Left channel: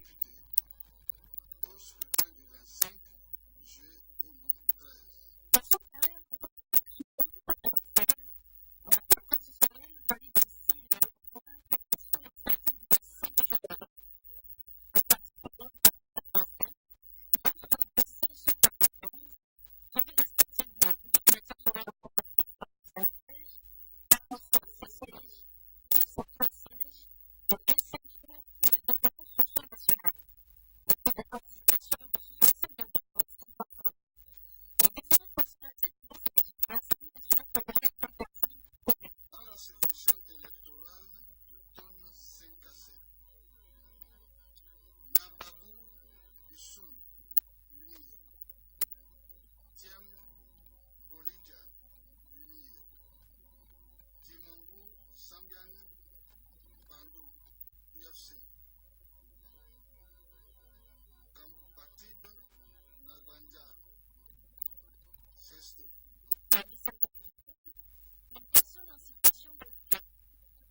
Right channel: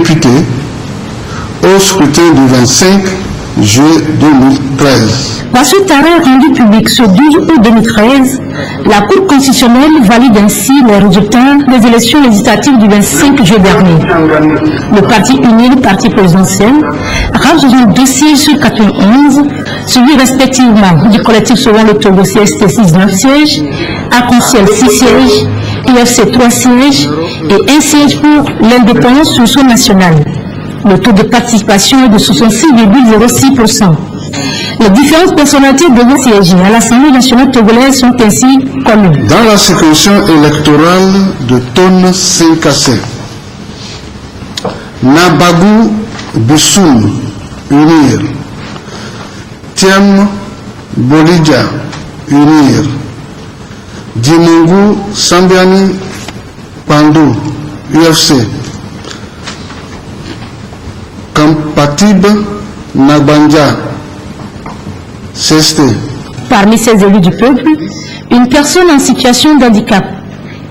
députés au scrutin du 25 juillet 2013. Dans cet arrêt rendu public ce 12 août 2013, la Cour constitutionnelle valide ainsi les résultats des élections législatives du 25 juillet dernier. Le parti uni, le parti présidentiel, rame 62 sièges sur 91, suivi respectivement du collectif selon le Togo CST 19 sièges, Arc-en-Ciel 6 sièges, UFC 3 sièges et 1 siège pour l'indépendance sur le sol national. Le taux de participation est de 66,06%. Les différentes personnalités devant siéger à l'Assemblée nationale togolaise sont ainsi connues. Dans la circonscription électorale de Tonne Senkassé, Nabagou Bussoum, unir. Tiem Bolidja, unir. Dimungu Sambiani Pandou, UFC. Kampatib Nabanja, CST. Parmi ces élus du peuple, une personne en situation d'handicap,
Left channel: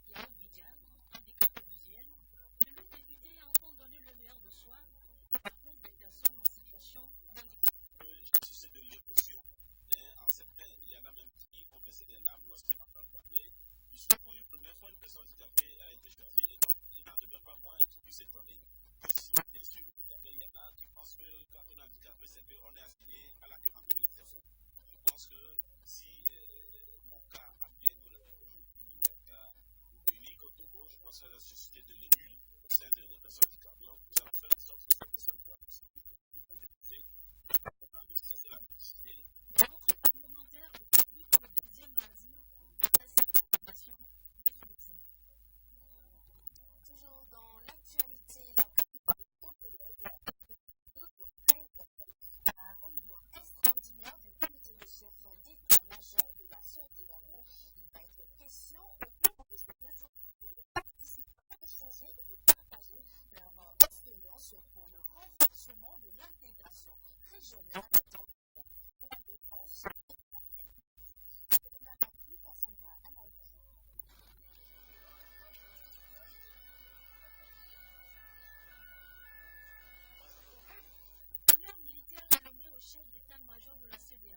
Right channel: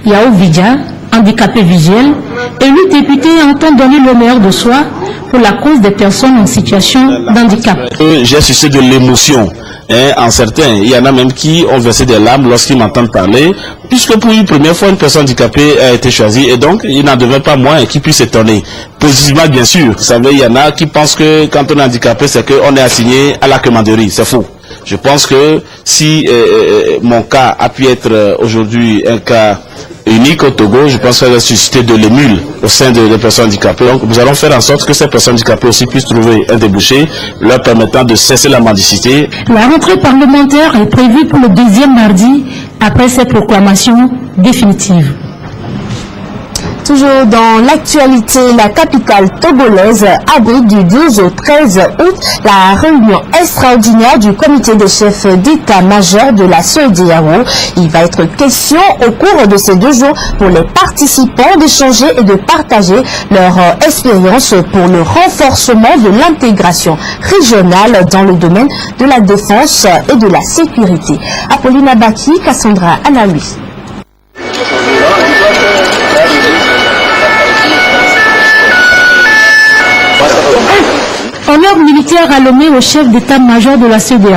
Yao Vidja, handicapé visuel, élu député entend donner le meilleur de soi pour la cause des personnes en situation d'handicap. J'ai suscité de l'émotion. En certains, il y en a même qui ont versé des larmes lorsqu'ils m'entendent parler, puisque pour une première fois, une personne handicapée a été choisie, et donc il n'en devait pas moins qui puisse s'étonner. Positivement, bien sûr. Vous savez, il y en a qui pensent que quand on est handicapé, c'est qu'on est assigné à la commanderie. C'est faux. Je pense que si mon cas a pu être aujourd'hui un cas unique au Togo, je pense qu'elle va susciter de l'émule au sein des personnes handicapées. Donc nous allons faire en sorte que ces personnes handicapées aussi puissent trouver un débouché leur permettant de cesser la mendicité. La rentrée parlementaire est prévue pour le deuxième mardi après cette proclamation définitive. Toujours dans l'actualité, la capitale togolaise abrite du 12 au 13 août la réunion extraordinaire du comité des chefs d'état-major de la CEDEAO. Il va être question au cours de ces 2 jours pour les participants d'échanger et de partager leur expérience pour le renforcement de l'intégration régionale dans le domaine de la défense et de la sécurité. Apolline Abaki, Cassandra Anaoui. Honneur militaire alloué au chef d'état-major de la CEDEAO.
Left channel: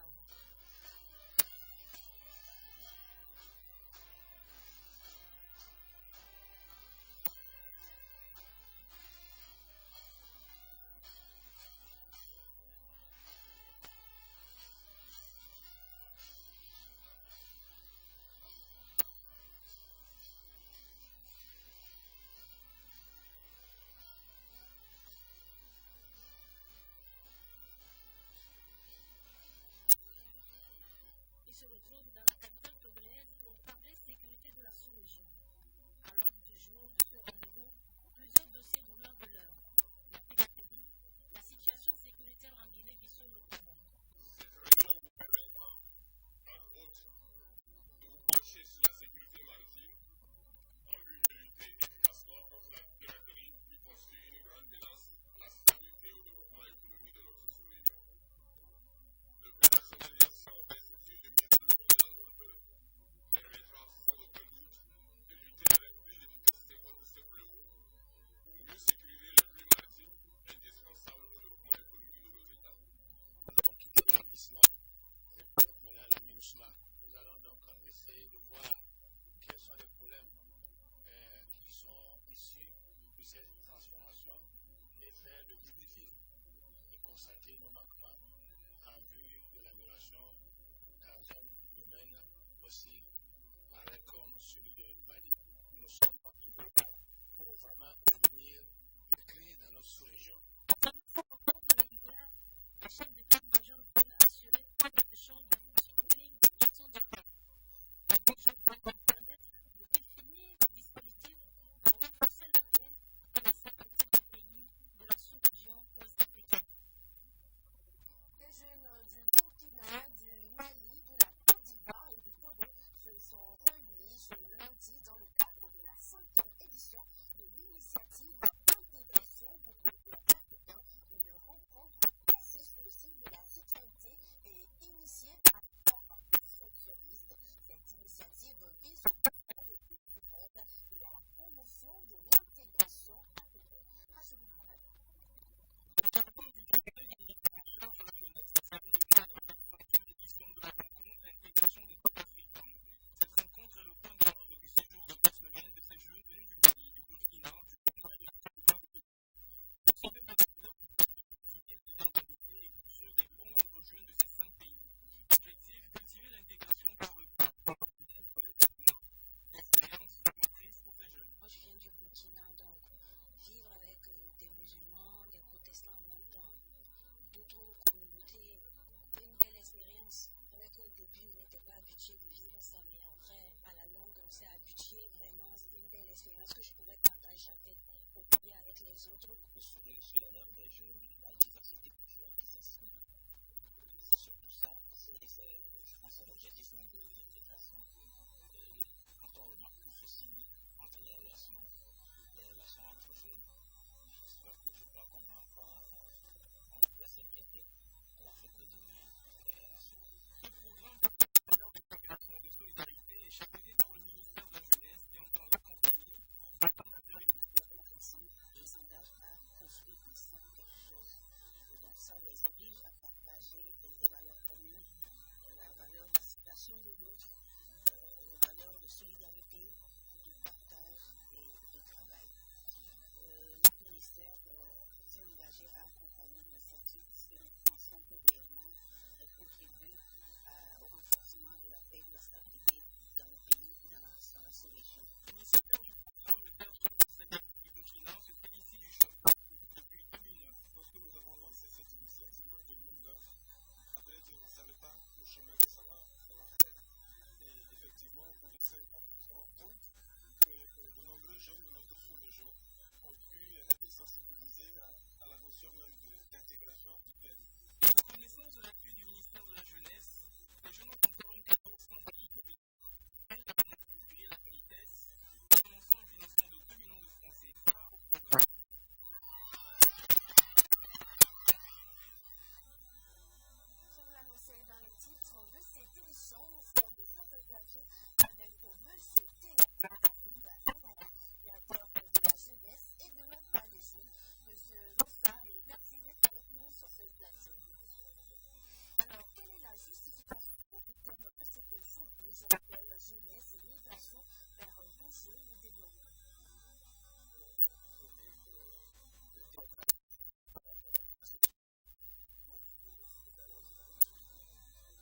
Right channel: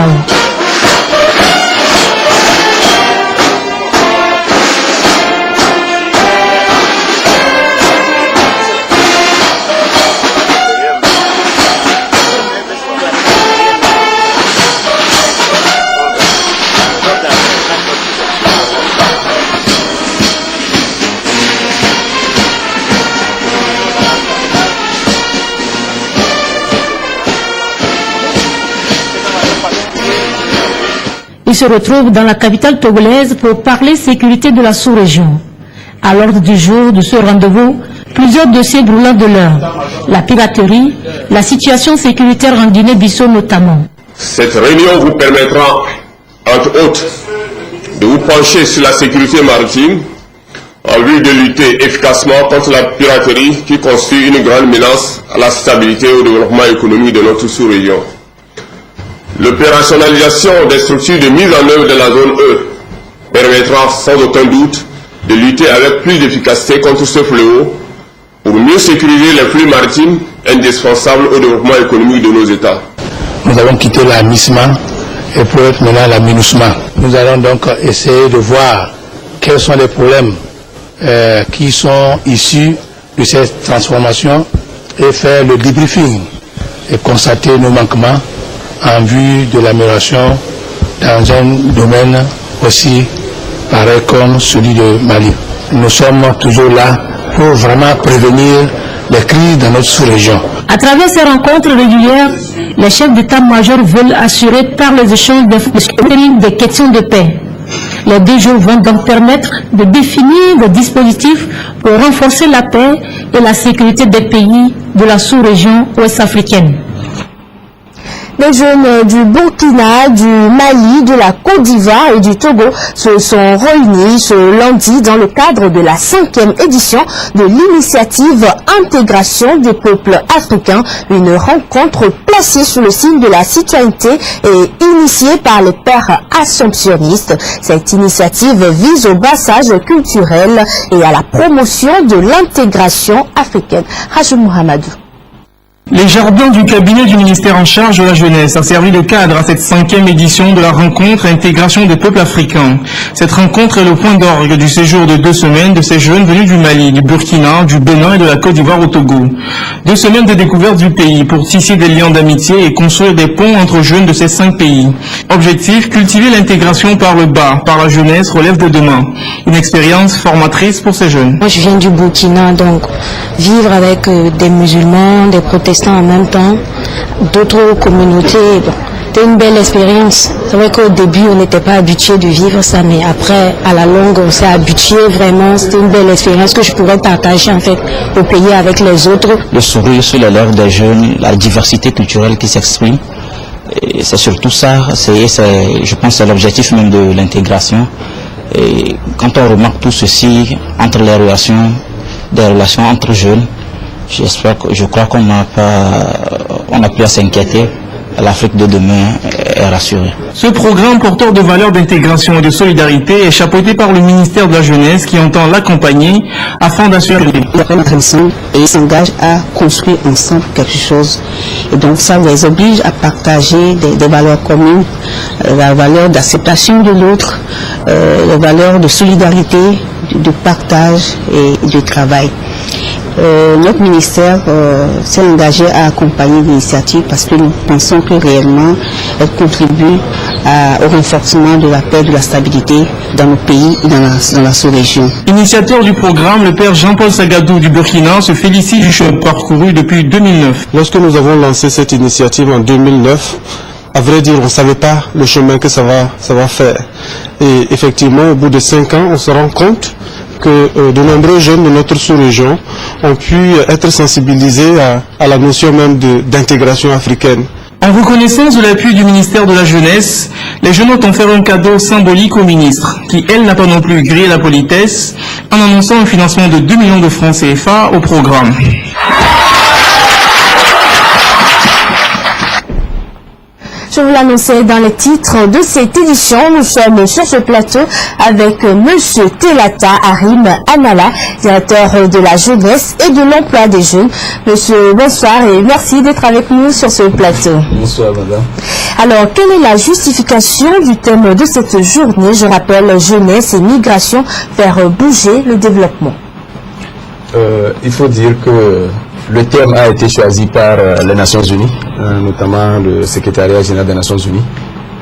Il se retrouve dans la capitale togolaise pour parler sécurité de la sous-région. À l'ordre du jour de ce rendez-vous, plusieurs dossiers brûlants de l'heure. La piraterie, la situation sécuritaire en Guinée-Bissau notamment. Cette réunion vous permettra, entre autres, de vous pencher sur la sécurité maritime en vue de lutter efficacement contre la piraterie qui constitue une grande menace à la stabilité et au développement économique de notre sous-région. L'opérationnalisation des structures de mise en œuvre de la zone E permettra sans aucun doute de lutter avec plus d'efficacité contre ce fléau pour mieux sécuriser les flux maritimes indispensables au développement économique de nos États. Nous avons quitté la MISMA et pour être maintenant la MINUSMA. Nous allons donc essayer de voir quels sont les problèmes qui sont issus de cette transformation et faire le debriefing et constater nos manquements en vue de l'amélioration dans un domaine aussi pareil comme celui de Mali. Nous sommes toujours là pour vraiment prévenir les crises dans notre sous-région. À travers ces rencontres régulières, les chefs d'état-major veulent assurer par les échanges des questions de paix. Les 2 jours vont donc permettre de définir des dispositifs pour renforcer la paix et la sécurité des pays de la sous-région ouest-africaine. Les jeunes du Burkina, du Mali, de la Côte d'Ivoire et du Togo se sont réunis ce lundi dans le cadre de la 5e édition de l'initiative Intégration des peuples africains, une rencontre placée sous le signe de la citoyenneté et initiée par les pères assomptionnistes. Cette initiative vise au brassage culturel et à la promotion de l'intégration africaine. Rachel Mohamedou. Les jardins du cabinet du ministère en charge de la jeunesse a servi de cadre à cette 5e édition de la rencontre Intégration des peuples africains. Cette rencontre est le point d'orgue du séjour de 2 semaines de ces jeunes venus du Mali, du Burkina, du Bénin et de la Côte d'Ivoire au Togo. 2 semaines de découverte du pays pour tisser des liens d'amitié et construire des ponts entre jeunes de ces 5 pays. Objectif, cultiver l'intégration par le bas, par la jeunesse relève de demain. Une expérience formatrice pour ces jeunes. Moi je viens du Burkina, donc vivre avec des musulmans, des protestants en même temps, d'autres communautés, c'était une belle expérience. C'est vrai qu'au début on n'était pas habitué de vivre ça, mais après à la longue on s'est habitué vraiment. C'était une belle expérience que je pourrais partager en fait au pays avec les autres. Le sourire sur les lèvres des jeunes, la diversité culturelle qui s'exprime, c'est surtout ça, je pense que c'est l'objectif même de l'intégration. Et quand on remarque tout ceci entre les relations, des relations entre jeunes, je crois qu'on n'a plus à s'inquiéter. L'Afrique de demain est rassurée. Ce programme porteur de valeurs d'intégration et de solidarité est chapeauté par le ministère de la Jeunesse qui entend l'accompagner afin d'assurer et ils s'engagent à construire ensemble quelque chose. Et donc ça les oblige à partager des valeurs communes, la valeur d'acceptation de l'autre, la valeur de solidarité, de partage et de travail. Notre ministère s'est engagé à accompagner l'initiative parce que nous pensons que réellement elle contribue au renforcement de la paix et de la stabilité dans nos pays et dans la sous-région. Initiateur du programme, le père Jean-Paul Sagadou du Burkina se félicite du chemin parcouru depuis 2009. Lorsque nous avons lancé cette initiative en 2009, à vrai dire, on ne savait pas le chemin que ça va faire. Et effectivement, au bout de 5 ans, on se rend compte que de nombreux jeunes de notre sous-région ont pu être sensibilisés à la notion même d'intégration africaine. En reconnaissance de l'appui du ministère de la Jeunesse, les jeunes ont offert un cadeau symbolique au ministre, qui elle n'a pas non plus grillé la politesse, en annonçant un financement de 2 millions de francs CFA au programme. Je vous l'annonçais dans les titres de cette édition. Nous sommes sur ce plateau avec Monsieur Telata Harim Anala, directeur de la jeunesse et de l'emploi des jeunes. Monsieur, bonsoir et merci d'être avec nous sur ce plateau. Bonsoir, madame. Alors, quelle est la justification du thème de cette journée? Je rappelle, jeunesse et migration, faire bouger le développement. Il faut dire que le thème a été choisi par les Nations Unies, notamment le secrétariat général des Nations Unies.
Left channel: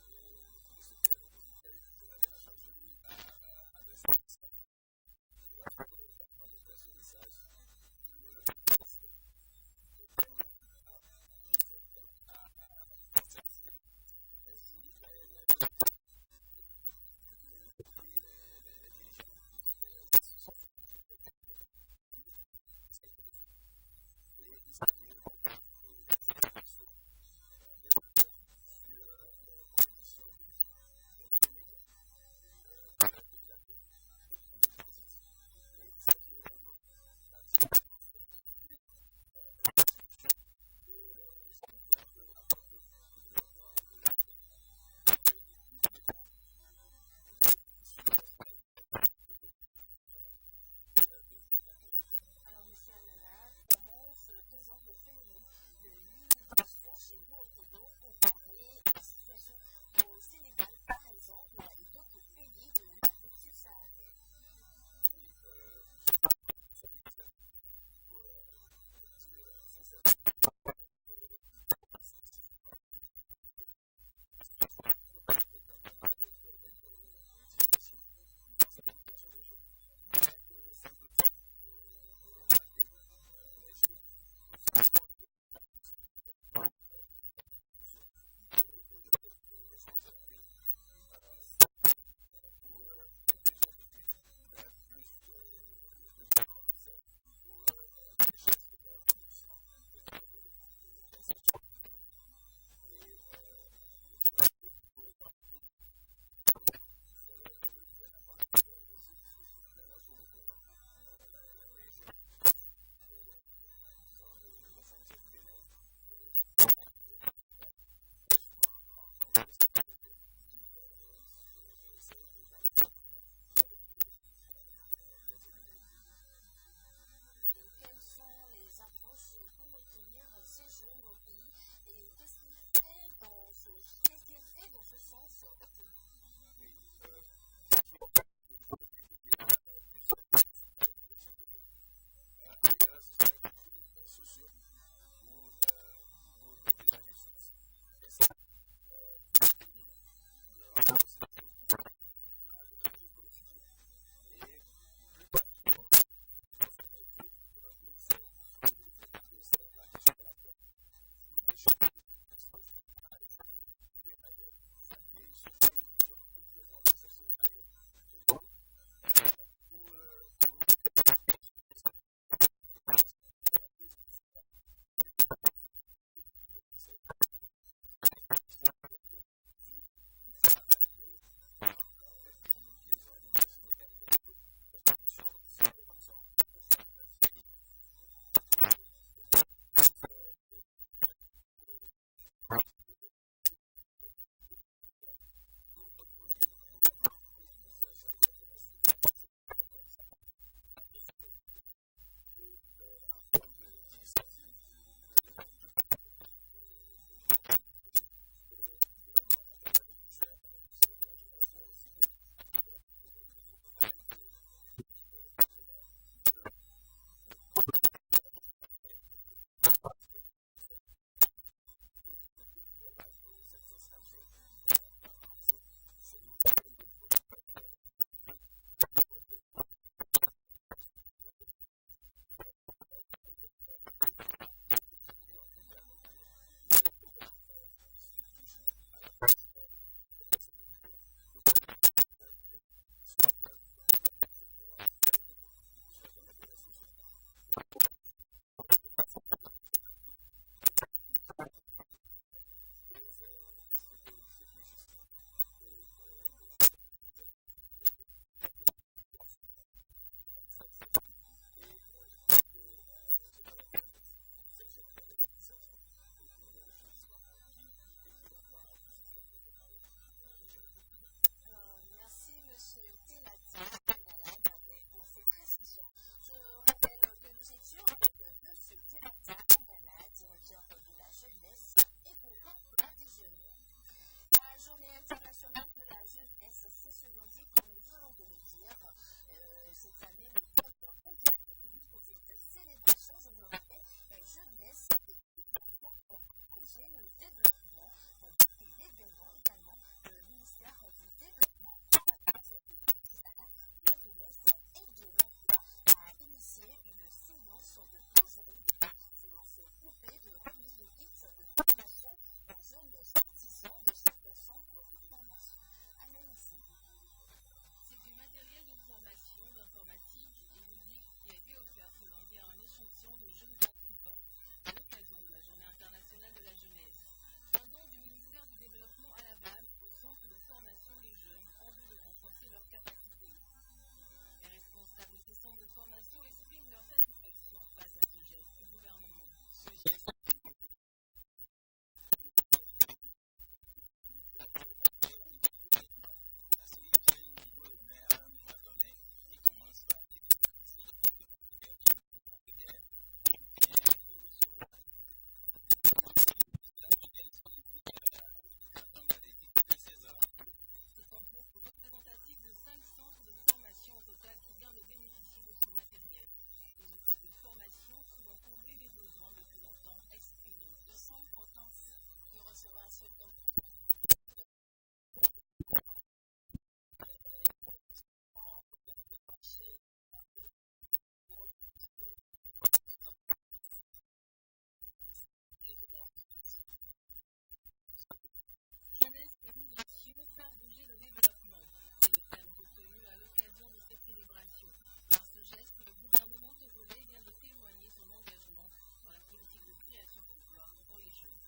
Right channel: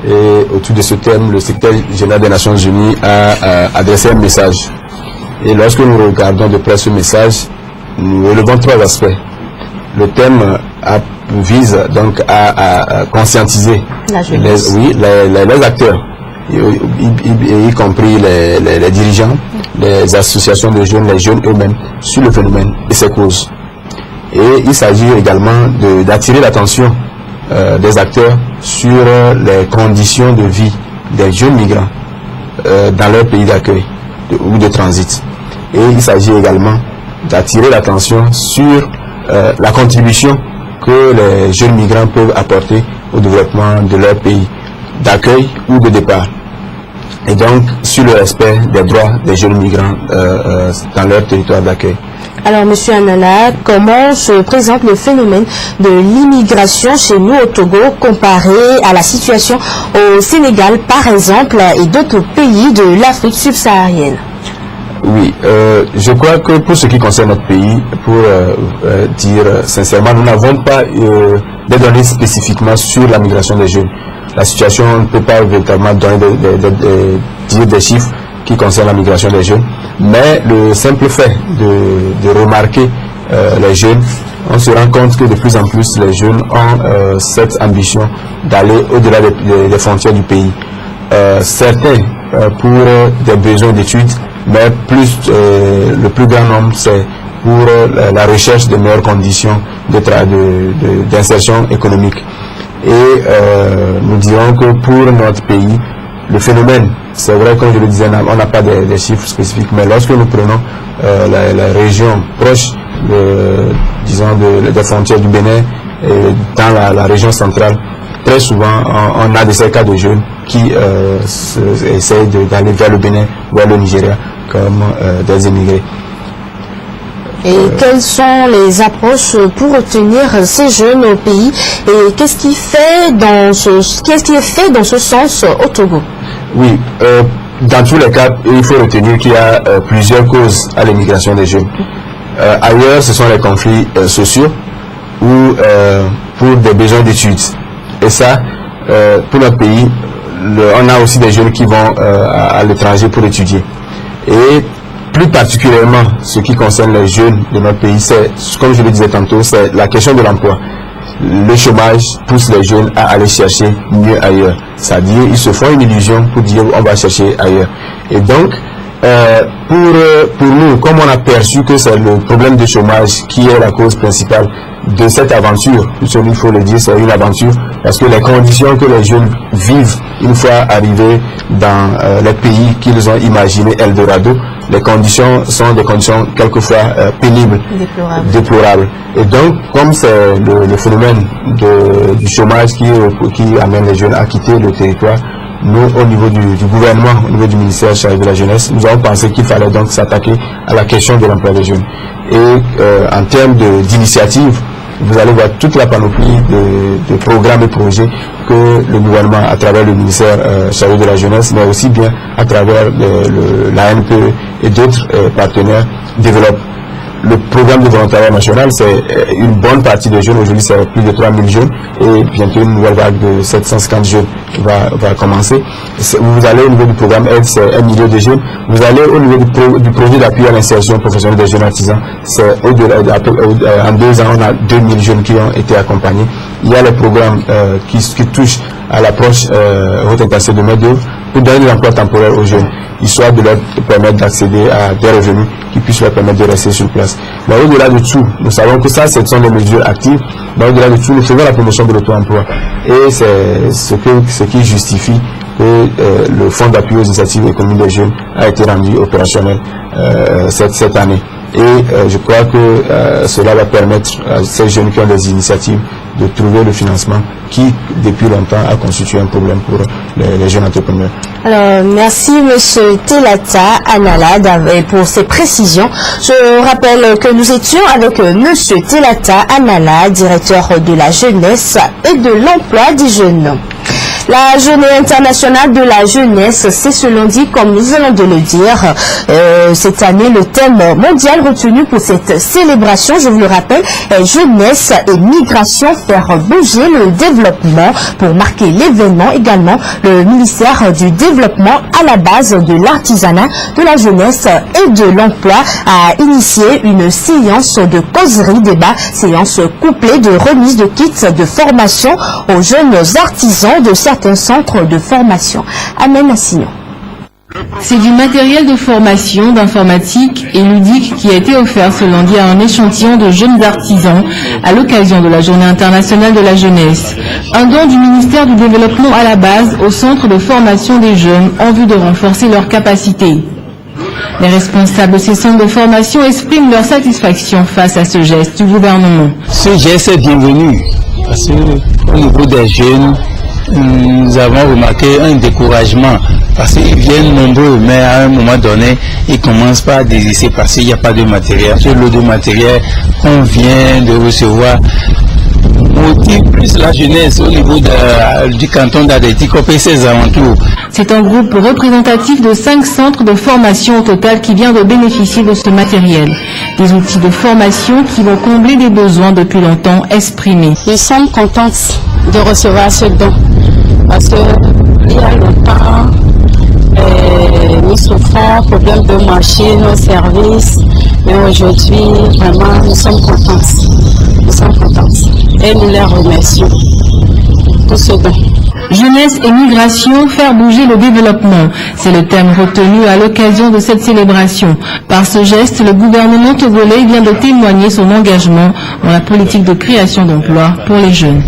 Et autour de ce thème, le secrétaire général des Nations Unies a adressé un message. Et lorsque nous regardons de près ce message, nous relevons 3 aspects. Le thème vise donc à conscientiser les acteurs, y compris les dirigeants, les associations de jeunes, les jeunes eux-mêmes, sur le phénomène et ses causes. Et il s'agit également d'attirer l'attention des acteurs sur les conditions de vie des jeunes migrants dans leur pays d'accueil ou de transit. Et il s'agit également d'attirer l'attention sur la contribution que les jeunes migrants peuvent apporter au développement de leur pays d'accueil ou de départ. Et donc sur le respect des droits des jeunes migrants dans leur territoire d'accueil. Alors, Monsieur Anala, comment se présente le phénomène de l'immigration chez nous au Togo comparé à la situation au Sénégal, par exemple, et d'autres pays de l'Afrique subsaharienne? Oui, je crois que pour ce qui concerne notre pays, pour dire sincèrement, nous n'avons pas des données spécifiquement sur la migration des jeunes. La situation, on ne peut pas véritablement donner dire des chiffres qui concernent la migration des jeunes, mais le simple fait de remarquer les jeunes, on se rend compte que de plus en plus les jeunes ont cette ambition d'aller au-delà des frontières du pays. Certains pour des besoins d'études, mais le plus grand nombre c'est pour la recherche de meilleures conditions d'insertion économique. Et nous dirons que pour notre pays, le phénomène, c'est vrai, comme je le disais, on n'a pas des chiffres spécifiques, mais lorsque nous prenons la région proche des frontières du Bénin, et dans la région centrale, très souvent on a des cas de jeunes qui essayent d'aller vers le Bénin, vers le Nigeria, comme des immigrés. Et quelles sont les approches pour retenir ces jeunes au pays et qu'est-ce qui est fait dans ce sens au Togo? Oui, dans tous les cas, il faut retenir qu'il y a plusieurs causes à l'immigration des jeunes. Ailleurs, ce sont les conflits sociaux ou pour des besoins d'études. Et ça, pour notre pays, on a aussi des jeunes qui vont à l'étranger pour étudier. Et plus particulièrement, ce qui concerne les jeunes de notre pays, c'est, comme je le disais tantôt, c'est la question de l'emploi. Le chômage pousse les jeunes à aller chercher mieux ailleurs. C'est-à-dire, ils se font une illusion pour dire on va chercher ailleurs. Et donc, pour nous, comme on a perçu que c'est le problème de chômage qui est la cause principale de cette aventure, il faut le dire, c'est une aventure, parce que les conditions que les jeunes vivent une fois arrivés dans les pays qu'ils ont imaginé Eldorado, les conditions sont des conditions quelquefois pénibles, déplorables. Et donc, comme c'est le phénomène du chômage qui amène les jeunes à quitter le territoire, nous, au niveau du gouvernement, au niveau du ministère chargé de la jeunesse, nous avons pensé qu'il fallait donc s'attaquer à la question de l'emploi des jeunes. Et en termes d'initiatives, vous allez voir toute la panoplie de programmes et projets que le gouvernement, à travers le ministère chargé de la jeunesse, mais aussi bien à travers l'ANPE et d'autres partenaires, développent. Le programme de volontariat national, c'est une bonne partie des jeunes. Aujourd'hui, c'est plus de 3000 jeunes et bientôt une nouvelle vague de 750 jeunes va commencer. Vous allez au niveau du programme aide, c'est 1 million de jeunes. Vous allez au niveau du projet d'appui à l'insertion professionnelle des jeunes artisans, c'est au-delà, en 2 ans, on a 2000 jeunes qui ont été accompagnés. Il y a les programmes qui touchent à l'approche haute intensité de main-d'œuvre pour donner de l'emploi temporaire aux jeunes, histoire de leur permettre d'accéder à des revenus qui puissent leur permettre de rester sur place. Mais au-delà de tout, nous savons que ça, ce sont des mesures actives, mais au-delà de tout, nous faisons la promotion de l'auto-emploi. Et c'est ce qui justifie que le Fonds d'appui aux initiatives économiques des jeunes a été rendu opérationnel cette année. Et je crois que cela va permettre à ces jeunes qui ont des initiatives de trouver le financement qui, depuis longtemps, a constitué un problème pour les jeunes entrepreneurs. Alors, merci M. Telata Analad pour ces précisions. Je rappelle que nous étions avec M. Telata Analad, directeur de la jeunesse et de l'emploi des jeunes. La journée internationale de la jeunesse, c'est ce lundi, comme nous venons de le dire. Cette année, le thème mondial retenu pour cette célébration, je vous le rappelle, est jeunesse et migration, faire bouger le développement. Pour marquer l'événement également, le ministère du Développement, à la base de l'artisanat, de la jeunesse et de l'emploi, a initié une séance de causerie débat, séance couplée de remise de kits de formation aux jeunes artisans de certains centres de formation. Amen Assignon. C'est du matériel de formation, d'informatique et ludique qui a été offert ce lundi à un échantillon de jeunes artisans à l'occasion de la Journée internationale de la jeunesse. Un don du ministère du Développement à la base au centre de formation des jeunes en vue de renforcer leurs capacités. Les responsables de ces centres de formation expriment leur satisfaction face à ce geste du gouvernement. Ce geste est bienvenu parce qu'au niveau des jeunes, nous avons remarqué un découragement parce qu'ils viennent nombreux, mais à un moment donné, ils commencent pas à désister parce qu'il n'y a pas de matériel. Ce lot de matériel qu'on vient de recevoir motive plus la jeunesse au niveau du canton d'Adétikop et ses alentours. C'est un groupe représentatif de 5 centres de formation au total qui vient de bénéficier de ce matériel. Des outils de formation qui vont combler des besoins depuis longtemps exprimés. Nous sommes contents de recevoir ce don parce qu'il y a longtemps, nous souffrons problème de marché, nos services, mais aujourd'hui, vraiment, nous sommes contents. Nous sommes contents et nous les remercions pour ce don. Jeunesse et migration, faire bouger le développement. C'est le thème retenu à l'occasion de cette célébration. Par ce geste, le gouvernement togolais vient de témoigner son engagement dans la politique de création d'emplois pour les jeunes.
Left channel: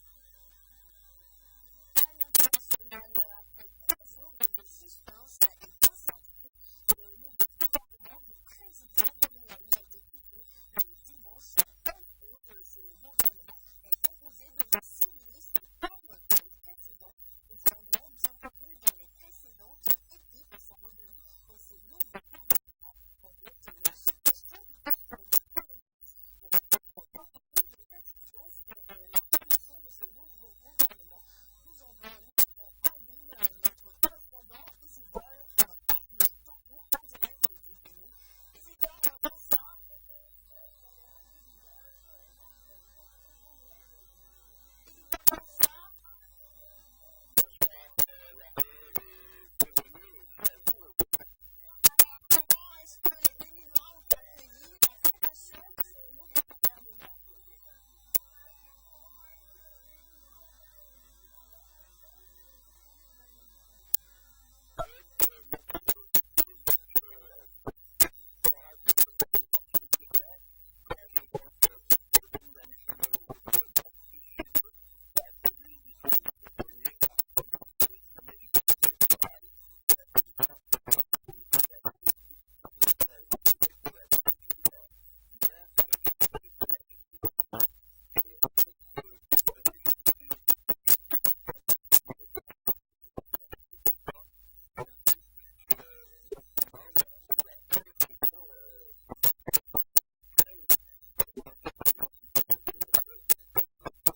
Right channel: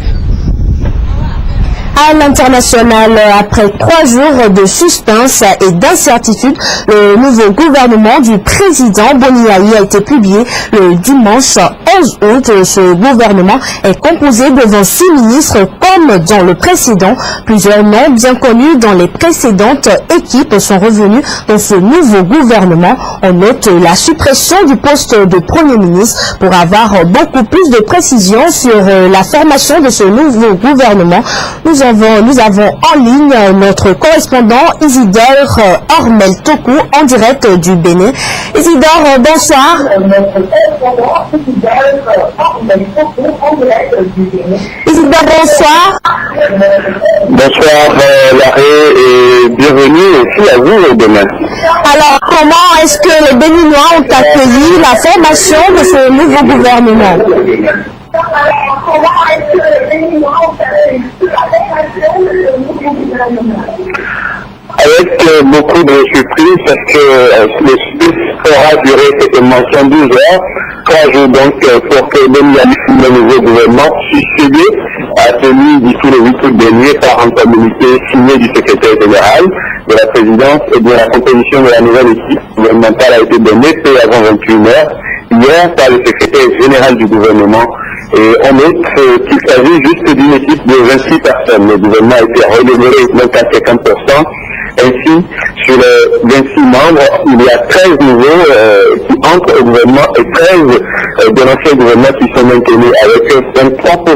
À l'international, après 3 jours de suspense et d'incertitude, le nouveau gouvernement du président Boni Yayi a été publié le dimanche 11 août. Ce gouvernement est composé de 26 ministres comme dans le précédent. Plusieurs noms bien connus dans les précédentes équipes sont revenus dans ce nouveau gouvernement. On note la suppression du poste de Premier ministre. Pour avoir beaucoup plus de précisions sur la formation de ce nouveau gouvernement, nous avons en ligne notre correspondant Isidore Ormel Toku en direct du Bénin. Isidore, bonsoir. Isidore, bonsoir. Bonsoir Larry et bienvenue aussi à vous demain. Alors, comment est-ce que les Béninois ont accueilli la formation de ce nouveau gouvernement? Avec beaucoup de surprises parce que le surprise aura duré certainement 112 heures, 3 jours donc pour que le nouveau gouvernement succédé à celui d'ici le 8 août dernier par un communiqué signé du secrétaire général de la présidence et de la composition de la nouvelle équipe gouvernementale a été donnée peu avant 21 heures hier par le secrétaire général du gouvernement. Et on note qu'il s'agit juste d'une équipe de 26 personnes. Le gouvernement a été redémarré donc à 50%. Ainsi, sur les 26 membres, il y a 13 nouveaux qui entrent au gouvernement et 13 de l'ancien gouvernement qui sont maintenus avec 23%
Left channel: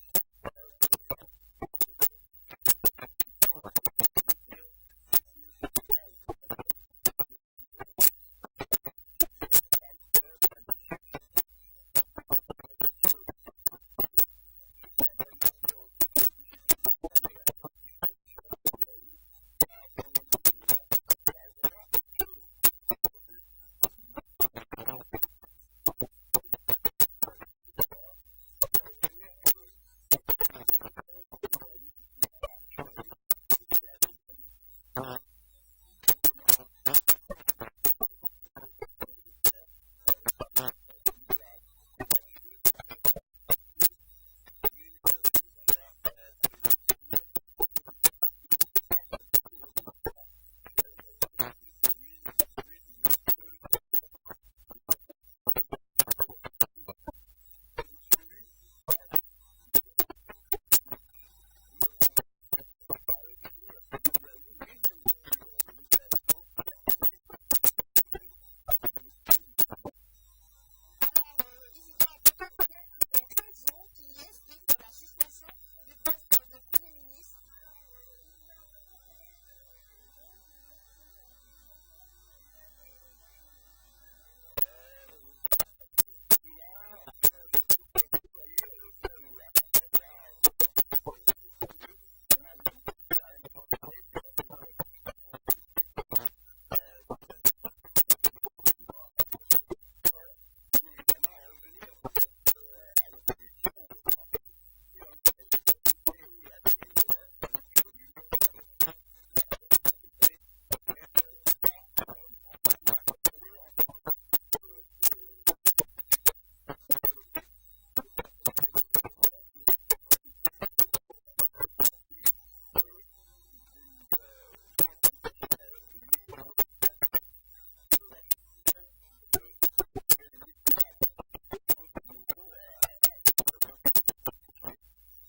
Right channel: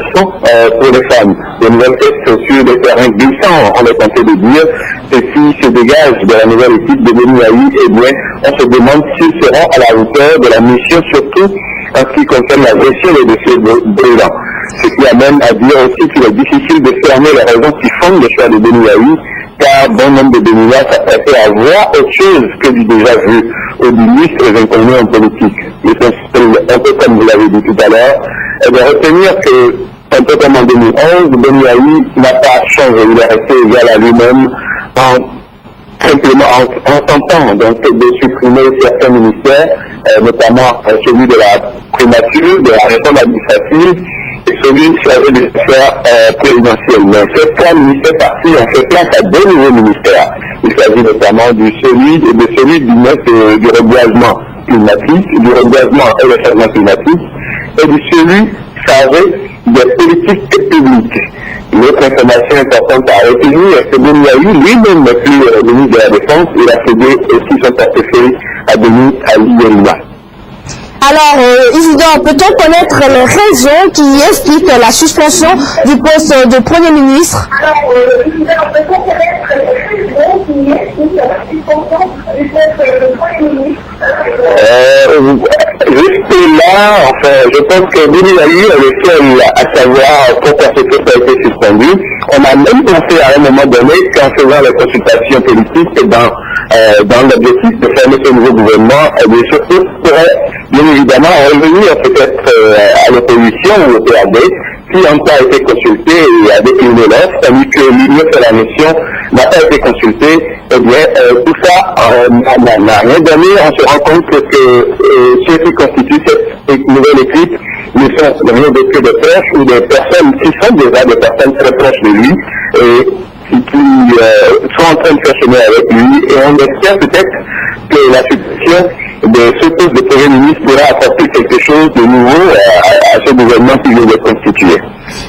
pour les femmes. De nouvelles tests sur des terrains glissants, on est tenté de dire, ceci se dégage de la nouvelle équipe de Boni Yayi, eh bien, on se demande s'ils seront à la hauteur de la mission, surtout en ce qui concerne la gestion des dossiers brûlants. Ce qui amène à dire aussi qu'il est difficile de fermer les raisons qui fondent le choix de Boni Yayi, car bon nombre de Béninois s'apprêtaient à voir autre chose que du déjà vu aux ministres et inconnus en politique. Un peu comme vous l'avez dit tout à l'heure, et de retenir que, un peu comme en 2011, Boni Yayi n'a pas changé, il est resté égal à lui-même simplement en tentant donc de supprimer certains ministères, notamment celui de la primature, de la réforme administrative, et celui chargé des affaires présidentielles. Mais ces 3 ministères partis ont fait place à 2 nouveaux ministères. Il s'agit notamment de celui du reboisement climatique, du reboisement et le changement climatique, et de celui chargé des politiques publiques. L'autre information importante à retenir est que Boni Yayi lui-même n'est plus ministre de la Défense, il a cédé aussi son portefeuille à Denis Ali. Alors, Isidore, peut-on connaître les raisons qui expliquent la suspension du poste de Premier ministre? Isidore, peut-on connaître les raisons qui expliquent la suspension du poste de Premier ministre? Juste là, enfin, je pense que Boni Yayi est le seul à savoir pourquoi ce poste a été suspendu. On a même pensé à un moment donné qu'en faisant les consultations politiques et dans l'objectif de former ce nouveau gouvernement, et surtout pourrait bien évidemment revenir peut-être à l'opposition ou au PAD, qui encore a été consulté et a décliné l'offre, tandis que l'Union sur la mission n'a pas été consultée. Eh bien, tout ça n'a rien donné. On se rend compte que ceux qui constituent cette nouvelle équipe ne sont rien d'autre que des proches ou des personnes qui sont déjà des personnes très proches de lui et qui sont en train de faire chemin avec lui. Et on espère peut-être que la situation de ce poste de Premier ministre pourra apporter quelque chose de nouveau à ce gouvernement qui vient de constituer.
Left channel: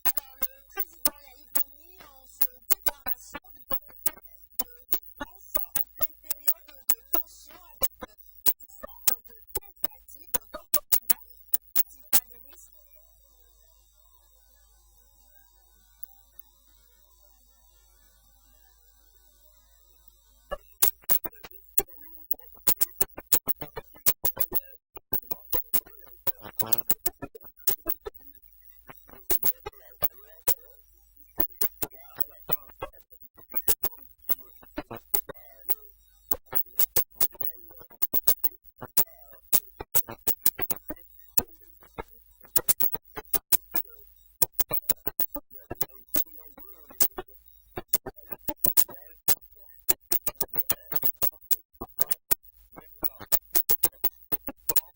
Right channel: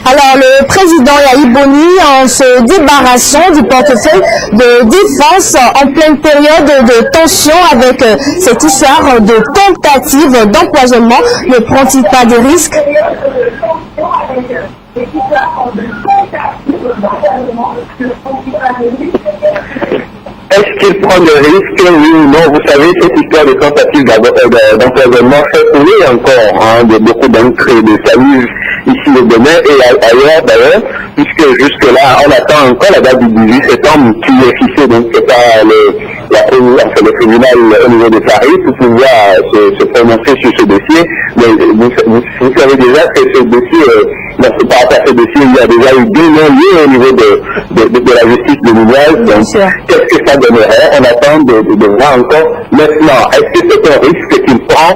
Alors, le président Yayi Boni, en se débarrassant du portefeuille de défense en pleine période de tension avec cette histoire de tentative d'empoisonnement, ne prend-il pas des risques? Est-ce qu'il prend des risques? Oui ou non? Vous savez, cette histoire de tentative d'empoisonnement fait couler encore de beaucoup d'encre et de salive ici au Bénin et ailleurs d'ailleurs, puisque jusque-là, on attend encore la date du 18 septembre qui est fixée donc par le tribunal au niveau de Paris pour pouvoir se prononcer sur ce dossier. Mais vous savez déjà que ce dossier, par rapport à ce dossier, il y a déjà eu 2 non-lieux au niveau de la justice béninoise. Donc, qu'est-ce que ça donnerait? On attend de voir encore. Maintenant, est-ce que c'est un risque qu'il prend?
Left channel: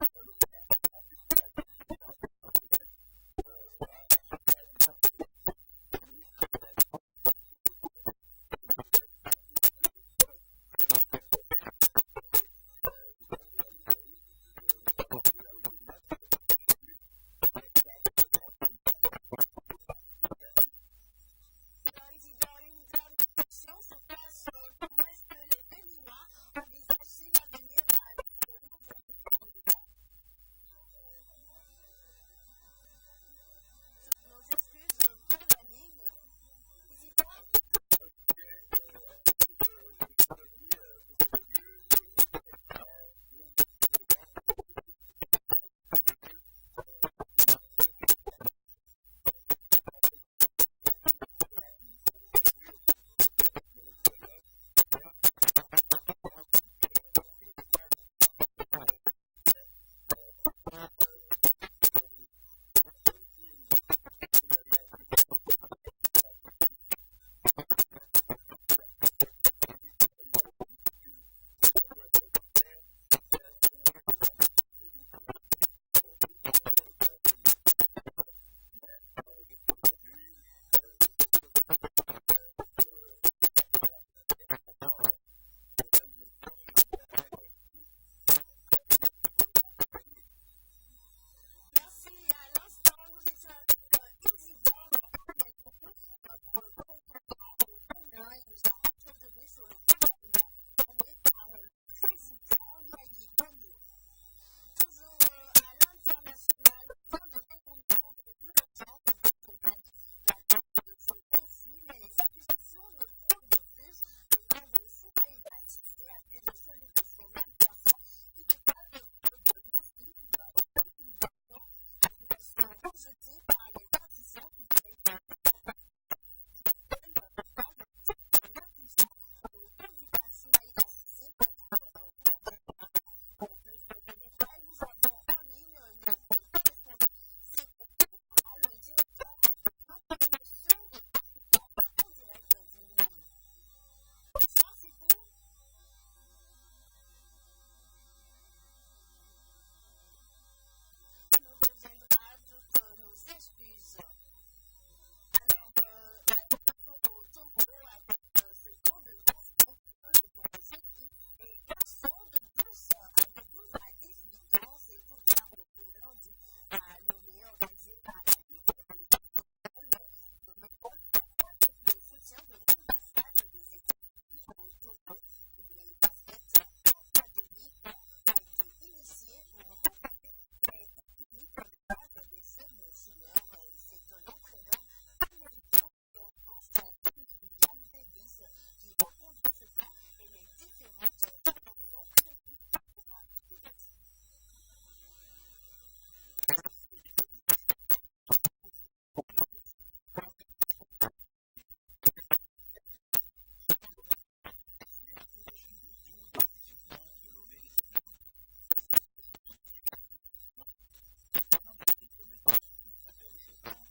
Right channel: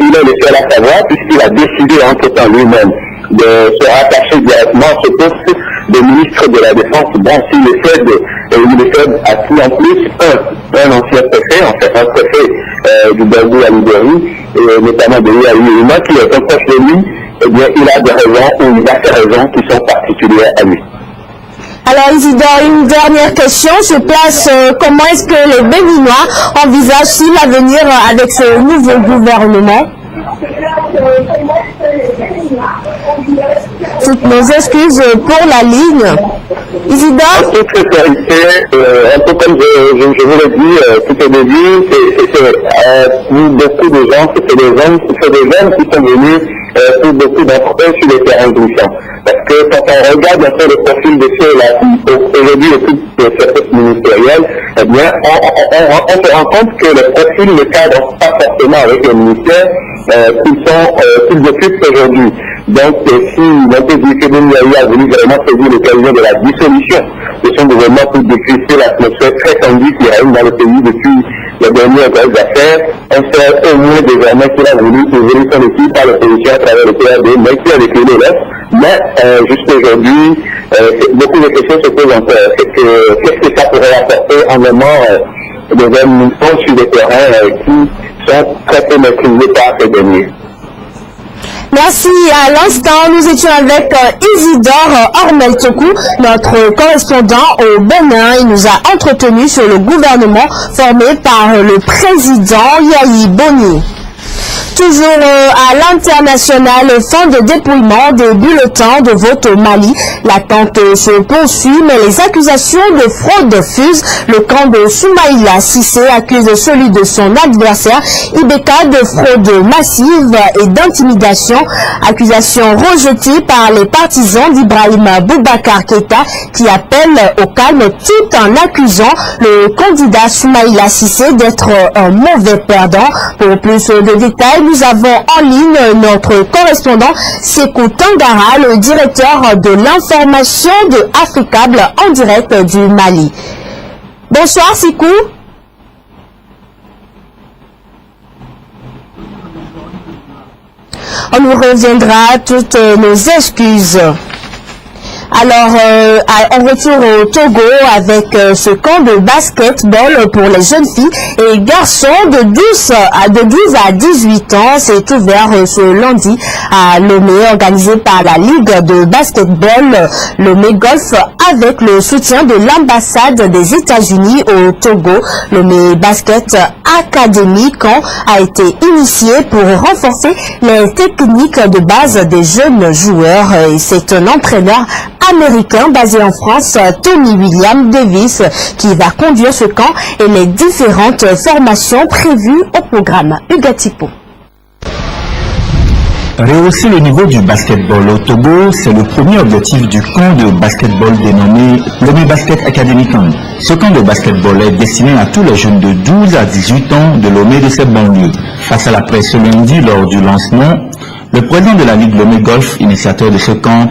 Il est le seul à savoir, puisqu'il a décidé entre-temps lui-même de se rattacher directement à ce poste de ministre de la Défense. Bon, si le FED a pris en plus un ancien préfet, en fait un préfet du Babou à Libéry, notamment de Yuma, qui est un proche de lui, eh bien il a des raisons, ou il a des raisons qui sont particulières à lui. Alors Isidore, une dernière question se place, comment est-ce que les Béninois envisagent-ils l'avenir avec ce nouveau gouvernement? Toutes nos excuses pour la ligne. Isidore? En toute sincérité, un peu comme je vous l'ai dit tout au début, pour beaucoup de gens, c'est des jeunes qui sont venus pour beaucoup d'entre eux sur les terrains glissants. Parce que quand on regarde un peu le profil de ceux-là qui aujourd'hui occupent ce poste ministériel, eh bien, on se rend compte que le profil ne cadre pas forcément avec le ministère qu'ils occupent aujourd'hui. Donc, si on peut dire que Ndiaye a voulu vraiment saisir l'occasion de la dissolution de son gouvernement pour décrisper l'atmosphère très tendue qui règne dans le pays depuis les dernières grosses affaires, on sait au moins désormais qu'il a voulu évoluer son équipe par l'opposition à travers le PRD, mais qui a décliné l'Est. Mais jusqu'aujourd'hui, beaucoup de questions se posent encore. Qu'est-ce que ça pourrait apporter en moment des administrations sur des terrains qui sont très peu maîtrisés par ces derniers? Merci. À l'instant, nous étions avec Isidore Ormel-Toku, notre correspondant au Bénin. Il nous a entretenu sur le gouvernement formé par le président Yahi Boni. Toujours à l'international, fin de dépouillement des bulletins de vote au Mali. L'attente se poursuit, mais les accusations de fraude fusent. Le camp de Soumaïla Cissé accuse celui de son adversaire, Ibeka, de fraude massive et d'intimidation. Accusation rejetée par les partisans d'Ibrahim Boubacar Keïta, qui appellent au calme tout en accusant le candidat Soumaïla Cissé d'être un mauvais perdant. Pour plus de détails, nous avons en ligne notre correspondant Sekou Tangara, le directeur de l'information de Africable en direct du Mali. Bonsoir Sekou. On nous reviendra toutes nos excuses. Alors, on retourne au Togo avec ce camp de basketball pour les jeunes filles et garçons de 12 à 18 ans. C'est ouvert ce lundi à Lomé, organisé par la Ligue de basketball Lomé Golf avec le soutien de l'ambassade des États-Unis au Togo. Lomé Basket Academy Camp a été initié pour renforcer les techniques de base des jeunes joueurs. Et c'est un entraîneur américain basé en France, Tony William Davis, qui va conduire ce camp et les différentes formations prévues au programme. Ugatipo. Rehausser le niveau du basketball au Togo, c'est le premier objectif du camp de basketball dénommé Lomé Basket Academy Camp. Ce camp de basketball est destiné à tous les jeunes de 12 à 18 ans de Lomé de cette banlieue. Face à la presse ce lundi lors du lancement, le président de la Ligue Lomé Golf, initiateur de ce camp,